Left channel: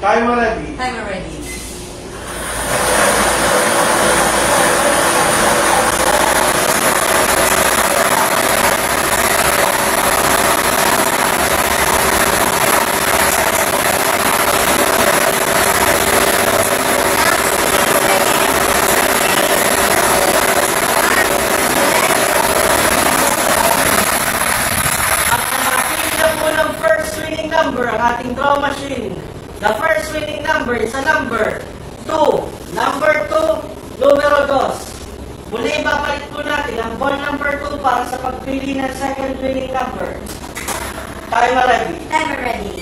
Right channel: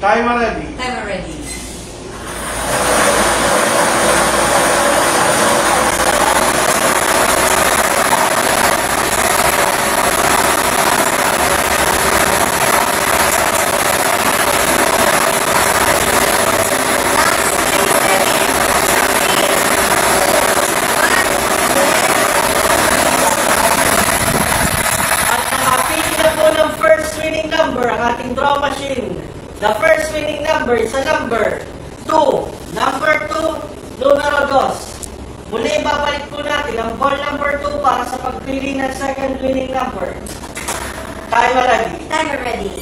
Timer ready. Timer ready. Ang ating draw machine. The first winning number is a number 2. Number 2, numero 2. Muli babalik po natin ang ball number 2 para sa pagpili ng second winning number. Timer ready. Timer ready.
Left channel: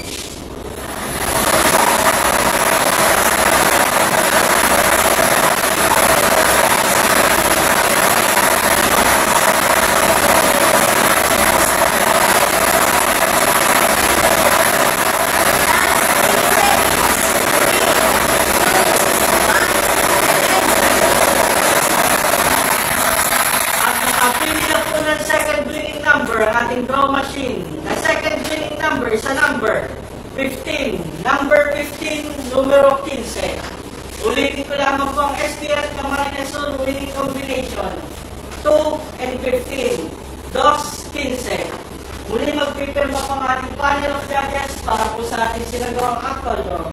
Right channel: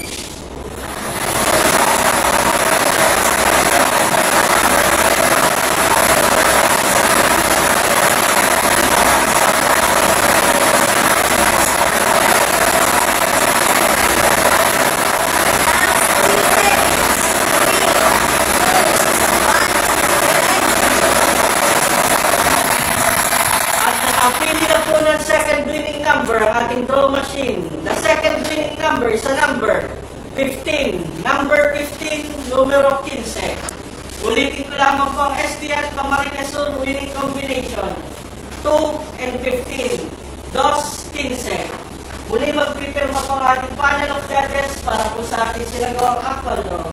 Second winning number ang ating draw machine. The second winning number is a number 15. Number 15, numero 15. Ulitin ko lamang po ang STL Camarines-Sur winning combination. 2 and 15. 2-15. Muli mag-prepare pa ang ating panel of judges para po sa ating sinagawang actual draw.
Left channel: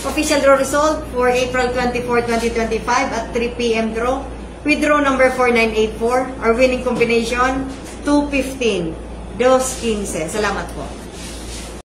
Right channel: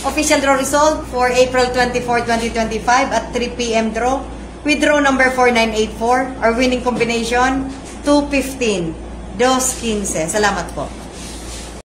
Official draw result for April 24, 2025 at 3 p.m. draw. With draw number 4984, our winning combination 215. 215. Salamat po.